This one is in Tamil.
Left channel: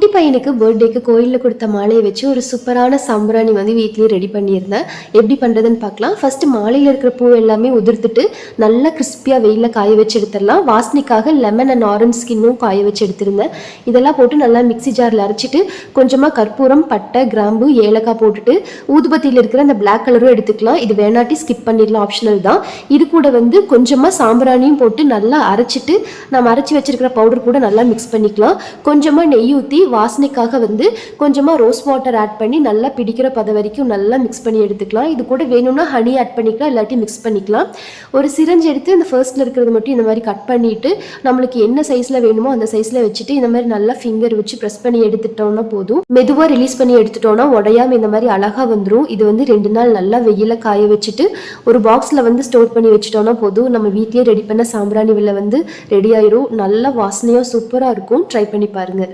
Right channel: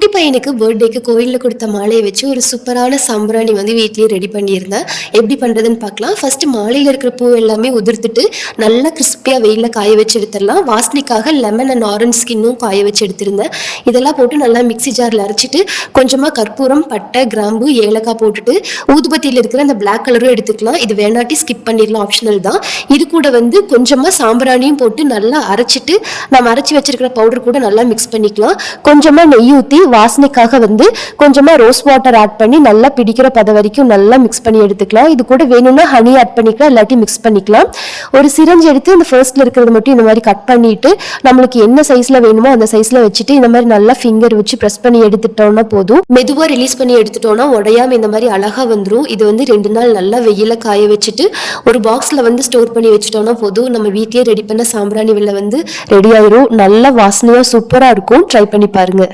குட்டி பையனுக்கு பர்த்டேக்கு கோயிலில் கொடுத்த மாலையை வச்சு ஒரு சூப்பரான சாம்பிராணி வந்து வீட்லேயே ரெடி பண்ணியிருந்தேன். எப்படி பண்ணுறதுன்னு பார்க்கலாம். ஃபஸ்ட்டு மாலையில் இருக்கிற பூ எல்லாமே உதிர்த்துட்டு நல்லா கிறிஸ்பியாக வெயிலில் காய வச்சு எடுத்துடலாம். வாசனைக்காக லெமன் அண்ட் ஆரஞ்ச் ஸ்கின்னும் காய வச்சு எடுத்திருந்தேன். இதெல்லாம் போட்டு நல்லா மிக்ஸி ஜாரில் அரைச்சிட்டு கொஞ்சமாக கற்பூரம், பட்டை, கிராம்பு, ஏலக்காய் போட்டுட்டு ஊதுபத்தியில் இருக்கிற அந்த பிளாக் கலரும் எடுத்துக்கலாம். இது வேணாட்டி ஸ்கிப் பண்ணிடலாம், ஆப்ஷனல் தான். இது கூட வந்து கொஞ்சமாக சாம்பிராணியும் போட்டு நல்லா அரைச்சிட்டு நம்ம அரைச்சி வச்சிருக்கிற பவுடர் கூட நல்லா மிக்ஸ் பண்ணிக்கலாம். கொஞ்சமாக நெய் ஊற்றி வாசனைக்காக வந்து கொஞ்சமாக ரோஸ் வாட்டர் ஆட் பண்ணி நல்லா பிடிக்கிற பத வரைக்கும் நல்லா மிக்ஸ் பண்ணி எடுத்துக்கலாம். இது கூட வேணும்னா ஹனி ஆட் பண்ணிக்கலாம், இல்லாட்டி மிக்ஸ் பண்ணிக்கலாம். ஒரு சிரஞ்ச் எடுத்து இந்த ஃபர்ஸ்ட்ல இருக்கிறது மட்டும் இந்த மாதிரி கட் பண்ணிட்டு நம்மளுக்கு என்ன சைஸ்ல வேணுமோ அந்த சைஸ்ல வச்சுட்டு இந்த மாதிரி நல்லா ஃபிங்கர் வச்சு ப்ரெஸ் பண்ணி எடுத்துட்டோம்னா போதும். மெதுவாக ரிலீஸ் பண்ணி எடுத்துட்டோம்னா உடையாம இந்த மாதிரி அழகா வந்துடும். இது வந்து 2 நாள் நல்லா வெயில காய வச்சுட்டு ஒரு பாக்ஸ்ல வந்து ஸ்டோர் பண்ணி வச்சுட்டோம்னா போதும். நம்ம வீட்லயே ரெடி பண்ண சாம்பிராணி வில்ல வந்து ரெடி ஆயிரும். நல்ல வாசனையா சூப்பரா இருக்கும். ட்ரை பண்ணி பாருங்க.